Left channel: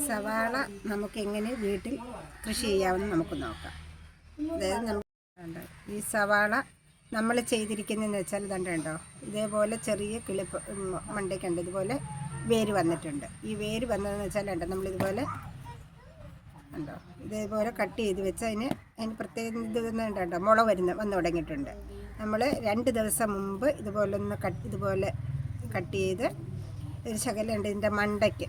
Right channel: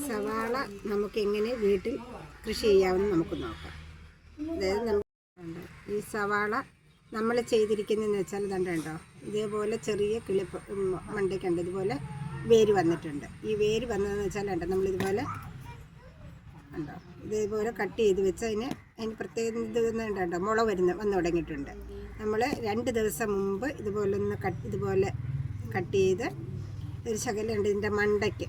സവാള നമുക്ക് എങ്ങനെ വീട്ടിൽ കൃഷി ചെയ്യാമെന്ന് നമുക്ക് നോക്കാം. അതായത് ഈ സവാള നമ്മൾ ചെയ്തിരിക്കുന്നതെന്ന് വെച്ചാൽ ഇതുണ്ടോ, ഇതേപോലെ ചെറിയ കിളിപ്പ് മണ്ടയ്ക്കുണ്ട്, ഇതുപോലെ വേര് വന്നിട്ടുണ്ട്. ഈ വേര് വന്നതെന്ന് വെച്ചാൽ നമ്മളിതുപോലെ ഉണ്ടോ, ഇതേപോലെ കട്ട് ചെയ്ത് വെച്ച് അതിന് പ്രത്യേകം ഉണ്ടോ, മുള വന്നു തുടങ്ങിയിട്ടുണ്ട്. നമ്മൾ 2 ദിവസം മുമ്പ് ഇതുപോലെ കട്ട് ചെയ്ത് ഒരു ശകലം ഉണ്ട് ഇതിൻ്റെ മണ്ടയ്ക്ക്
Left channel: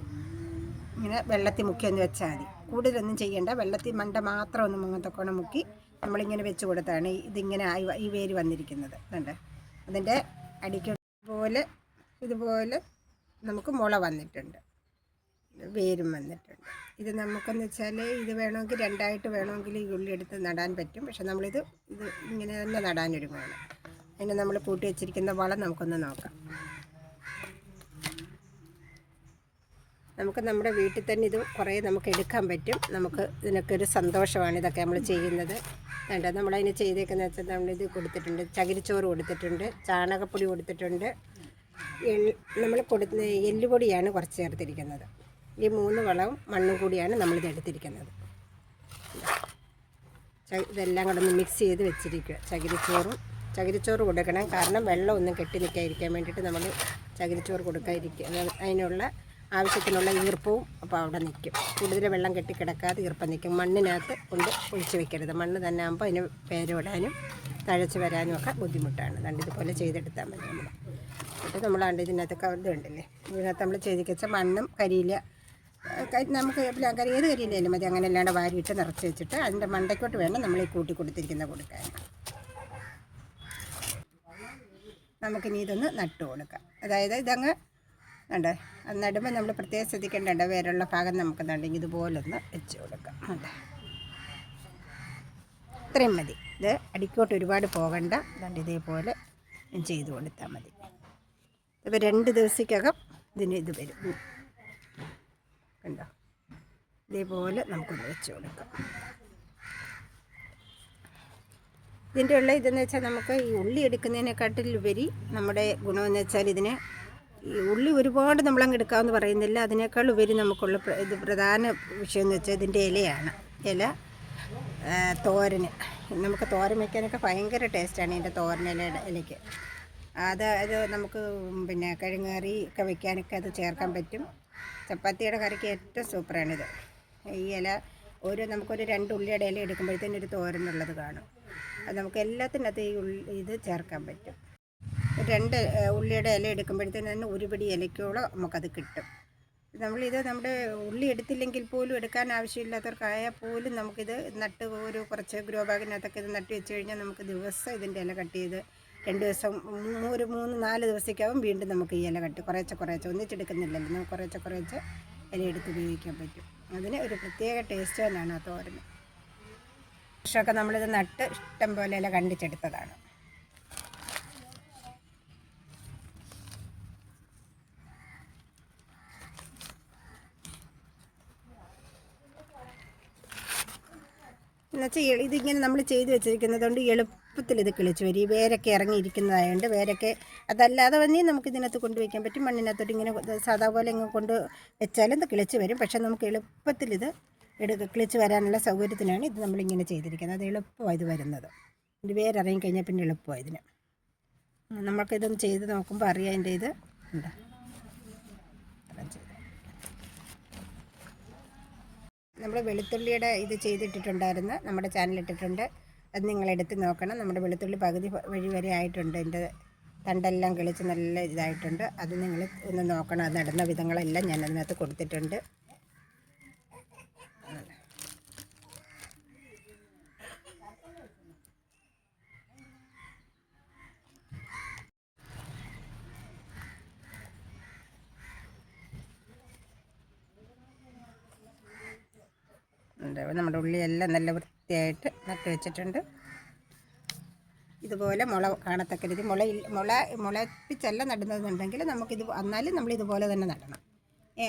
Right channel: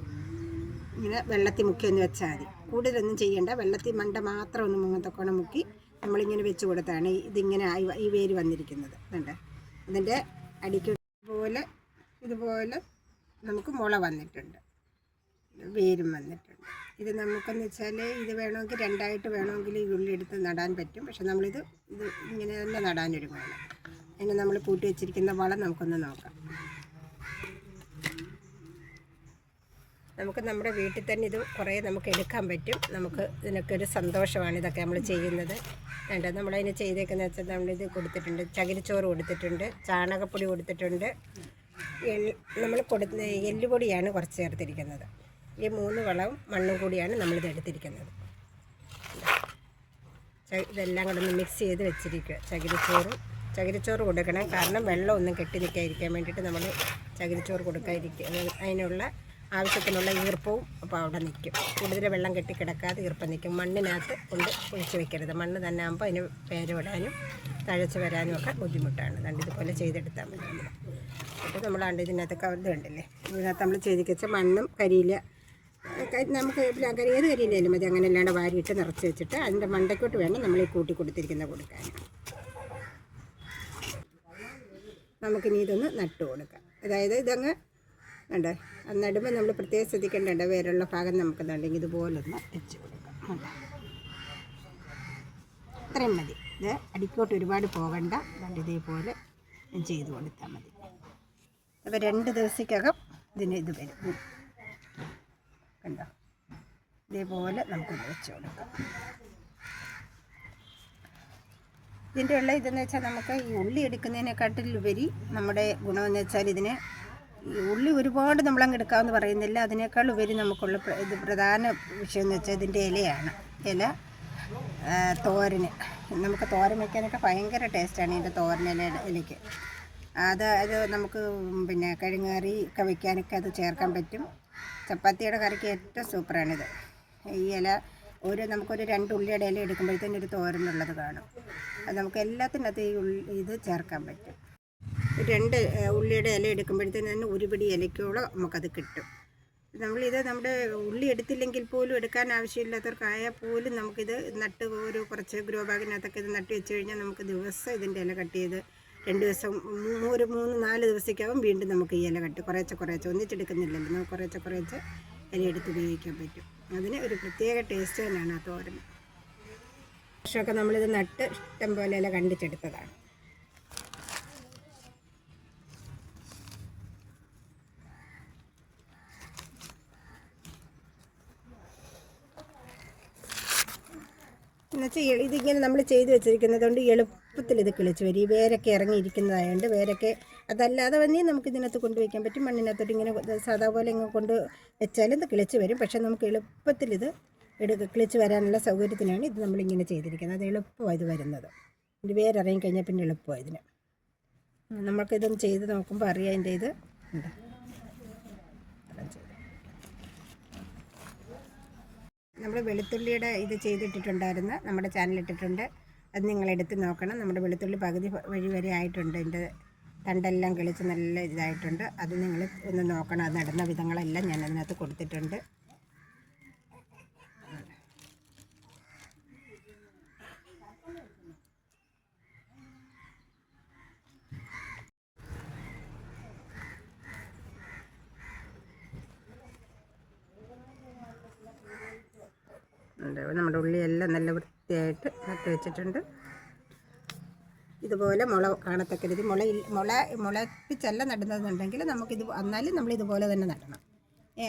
ഇങ്ങനെ വെള്ളത്തിൽ മുക്കി ഒന്ന് വെച്ചാൽ മതി. കൂടുതലൊന്നും ചെയ്യേണ്ട, വെള്ളത്തിൽ മണ്ട മാത്രം ഒന്ന് മുങ്ങത്തക്കോണം മുക്കി നമ്മളിങ്ങനെ വെച്ച് കൊടുത്താണ് ഇതിങ്ങനെ ഈ വേര് വന്നിരിക്കുന്നത്. കണ്ടേ, അതിൻ്റെ അടിക്ക് ഇതുപോലെ നമുക്ക് മുള വന്നിട്ടുണ്ട്, വേരും വന്നിട്ടുണ്ട്. ഇത് നമുക്കെന്ന് വെച്ചാൽ ഇത് വേണമെങ്കിൽ 2ആയിട്ട് വേണമെങ്കിൽ ഈ ഉള്ളി എടുത്ത് നടാൻ പറ്റും. പക്ഷെ നമ്മളിത് ഇങ്ങനെ തന്നെ നടാനൊരുങ്ങുകയാണ്. അതിന് നമ്മൾ കൂട്ടി വെച്ചിരിക്കുന്ന വളം നമുക്കൊന്ന് നോക്കാം. നമുക്ക് നമ്മുടെ വീട്ടിൽ തന്നെ ഇത് കുറേ നമുക്ക് എടുക്കാൻ പറ്റും. നമുക്ക് ഇതിനൊക്കെ ഒരു സന്തോഷമാണ് ഇതൊക്കെ നമ്മൾ ചെയ്യുന്നത്. നമ്മളതിന് ചെയ്തേക്കുന്നത് വെച്ചാൽ നമ്മളിത് കൊടുത്തിട്ടുണ്ട്, ചകിരിച്ചോറ് കൊടുത്തിട്ടുണ്ട്, ചാണകപ്പൊടി കൊടുത്തിട്ടുണ്ട്, നമ്മൾ എല്ലുപൊടിയാണ് കുറച്ച് ചേർത്തിരിക്കുന്നത്. ഈ 3 വളവും മണ്ണും കൂടിയാണ് നമ്മളിത് എടുത്തിരിക്കുന്നത്. ഇതെല്ലാം കൂടെ ഒന്ന് മിക്സ് ചെയ്ത് വെച്ചിരിക്കുക. ചകിരിച്ചോറ് കൊടുക്കണം, കാരണം വെള്ളമൊന്നും കെട്ടി നിൽക്കാതിരിക്കാൻ വേണ്ടിയിട്ട് നമ്മൾ ചകിരിച്ചോറ് കൊടുക്കാതിരിക്കുക. അതിനുള്ള ആവശ്യത്തിനുള്ള ഈർപ്പവും അപ്പോൾ അവിടെ നിൽക്കും. കൂടുതൽ വെള്ളം കെട്ടിക്കിടക്കാതെ ഈർപ്പം നിൽക്കും. മണ്ണിനകത്ത് കൊണ്ട് ഒഴിച്ച് വയ്ക്കരുത്. മണ്ണ് തന്നെ ആകുമ്പോൾ അതിന് പേരിടാനും തഴച്ച് വരാനും ഒക്കെ ബുദ്ധിമുട്ടാണ്. ഇതുപോലെ ചെയ്തെടുത്താൽ മതി. അപ്പോൾ നമ്മൾ ഇതിനകത്ത് ഇത് കണ്ടില്ലേ, ഇതിനകത്ത് നമ്മൾ ചെയ്തിരിച്ച മണ്ണും കരിയില, നമുക്ക് ഏത് കരിയിലായാലും മതി. അങ്ങനെ അല്ലാണ്ട് വാരിയിട്ട് നിറച്ച് വെച്ചിട്ട് അതിൻ്റെ മണ്ടയ്ക്കോട്ട് വേണം നമ്മൾ ഈ കൂട്ടി കൊടുത്തിരിക്കുന്ന കൊടുക്കാൻ. നമുക്കിനി ഇതൊന്ന് നട്ടു കൊടുക്കാം. അതായത് ഇതങ്ങ് ഉണ്ട്, നടുമ്പോൾ നമ്മൾ പ്രത്യേകം ശ്രദ്ധിക്കേണ്ട വേരുള്ള ഭാഗം നമുക്ക് നണ്ടെങ്കിൽ ഇതുപോലൊന്ന് വെച്ച് കൊടുക്കാം. ഇത്രയും മതി. ഇത് അടിക്കോട്ട് ഒരുപാട് പോകണ്ട. ഇതേപോലെ ചെയ്ത് കൊടുത്താൽ മതി. ഇപ്പോൾ 2 ദിവസത്തേക്കകം ഇത് വരും. കണ്ടോ, ഇതേപോലെ നമുക്കൊന്ന് വെച്ച് കൊടുക്കാം. ഇതിൻ്റെ ഇതെന്ന് വെച്ചാൽ നമുക്ക് ഈ ഉള്ളി എടുക്കുന്നതിനെക്കാട്ടിലുപരി നമ്മുടെ ഗുണമെന്ന് വെച്ചാൽ ഇതിന് ഈ ഉള്ളി ഒരുപാട് നമ്മളങ്ങ് എടുക്കാമെന്ന് പറയുന്നില്ല. അതിനേക്കാൾ ഉപരി നമുക്കുള്ള പ്രധാന വിഷയം എന്ന് വെച്ചാൽ ഇതിൻ്റെ ഇലയാണ്. തോരന് നമുക്ക് തോരൻ വയ്ക്കാനൊക്കെ ഭയങ്കര ടേസ്റ്റാണ് ഇതിൻ്റെ ഇലയ്ക്ക്. അത് നമുക്ക് പിന്നെ കിഴങ്ങറി ഒക്കെ വയ്ക്കാനൊക്കെ അത് ചേർക്കാൻ പറ്റും. ചപ്പാത്തിയുടെ കറിക്ക് ഏറ്റവും സൂപ്പറാണിത്. ഈ ഇല നമുക്കൊരു 2 ഉള്ളിയുടെ ഇല എടുക്കുമ്പോഴത്തേനും ഒരു തോരനുള്ളത് കാണും. അത് നമുക്ക് എല്ലാത്തിനകത്ത് ഇത് ചേർക്കാൻ പറ്റും. 2 ഉള്ളിയുടെ ഇല എടുക്കുമ്പോഴത്തേനും തന്നെ 1 പിടി ഇലയ്ക്കോളം നമുക്കത് കിട്ടും. നമ്മുടെ ഉള്ളി എടുത്തില്ലെങ്കിൽ പോലും, എടുക്കാൻ ആവശ്യമില്ലാത്തവർക്കായാൽ പോലും നമുക്കിത് നട്ട് കുറച്ച് ഗ്രോ ബാഗിനകത്തൊക്കെ ഇത് നട്ട് വെച്ച് കഴിഞ്ഞാൽ നമുക്ക് ദിവസം ഇതിൻ്റെ ഇല കട്ട് ചെയ്ത് 2 ദിവസം 3-4 ദിവസത്തേക്കാവും വീണ്ടും നമുക്ക് ഈ ഇല കുറേശ്ശെ ഒന്നിച്ചെടുക്കുന്നില്ലല്ലോ. നമുക്ക് കുറേശ്ശെ ഇല എടുത്ത് ഉപയോഗിക്കാൻ പറ്റും. അതിന് ഒരു പ്രത്യേക ടേസ്റ്റ് തന്നെയാണ് ആ തോരന്. വർഷമൊക്കെ നമ്മളിത് നട്ട് ഇഷ്ടം പോലെ ഇല കണ്ടിച്ചെടുത്തതാണ്. എന്നുവെച്ചാൽ ഇതിങ്ങനെ നമ്മൾ ചെയ്ത് വെച്ചിരിക്കുന്നത് കൊണ്ട് എളുപ്പത്തിൽ ഇത് കിളിച്ച് വരും. ഈ വേരൊക്കെ ഇറങ്ങിയിരിക്കുന്നതായതുകൊണ്ട് വേരൊക്കെ അതല്ലാതെ തന്നെ നമുക്ക് ഇതിനകത്ത് കൊണ്ടുവയ്ക്കാൻ പറ്റും. മണ്ണിനകത്തോട്ട് ഇങ്ങനെ സാധാ പോലെ ഇങ്ങനെ കൊണ്ട് വെച്ചാലും ഇത് കിളിച്ച് വരും. പക്ഷേ നമുക്ക് എളുപ്പത്തിൽ ഇത് കിളിച്ച് വരാനുള്ള സൗകര്യത്തിനാണ് ഇത് നമ്മളിങ്ങനെ ചെയ്തിരിക്കുന്നത്. അത് എളുപ്പമാണ് ഇത് വരുന്നത്. ഇത് വേരിറങ്ങി കഴിഞ്ഞാൽ പിന്നെ എളുപ്പമാണ് ഇതിന്. നമുക്കിതൊന്ന് ചെയ്ത് നോക്കുമ്പോൾ അറിയാം അതിൻ്റെ ഇത് ഉണ്ട്. നമ്മൾ വെളുത്തുള്ളിയുടെ ഇത് ചെയ്തിട്ടിട്ടുണ്ടായിരുന്നു, നമ്മുടെ ചാനലിട്ടിട്ടുണ്ട്. അത് നിങ്ങളെടുത്ത് നോക്കണം. നമ്മുടെ വെളുത്തുള്ളി പകുതി വരെ ആയിട്ടുണ്ട്. എൻ്റെ തണ്ടെല്ലാം കിളിച്ച് നല്ല ഇതായിട്ടുണ്ട്. അത് നിങ്ങൾ ഒന്ന് നോക്കണം. അത് നടുന്ന വിധങ്ങളെല്ലാം ഞാൻ അതിനകത്ത് കൊടുത്തിട്ടുണ്ട്. നമ്മുടെ ഉള്ളിയെല്ലാം നല്ല വൃത്തിയായിട്ട് നട്ട് വെച്ചിട്ടുണ്ട്. ഇതുപോലെ മുള കാണത്തക്ക രീതി മുളപ്പിച്ചല്ല നടുന്നതെന്നുണ്ടെങ്കിൽ എന്നാലും നമ്മളിതുപോലെ തന്നെ നടണം.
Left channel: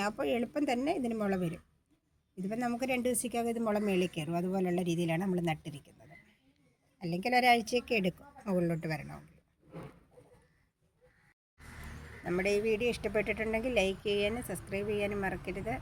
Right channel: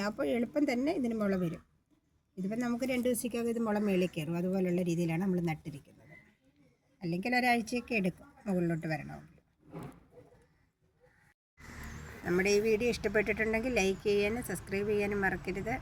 അപ്പോൾ എളുപ്പം തന്നെ ഇതിന് മുള വരും. ഇതിപ്പോൾ നമുക്ക് 2 ദിവസത്തേക്കകം ഇത് മുള മേളിൽ കയറും. അതുപോലുള്ള രീതിയിലാണ് നമ്മൾ നട്ടിരിക്കുന്നത്. അല്ലെങ്കിൽ ഒരാഴ്ചയൊക്കെ എടുക്കും മുകളിലോട്ട് വരണമെങ്കിൽ. നമ്മുടെ ഈ വീഡിയോ ഇഷ്ടപ്പെട്ടിട്ടുണ്ടെങ്കിൽ ലൈക്ക് ചെയ്യാനും സബ്സ്ക്രൈബ് ചെയ്യാനും മറക്കരുത്.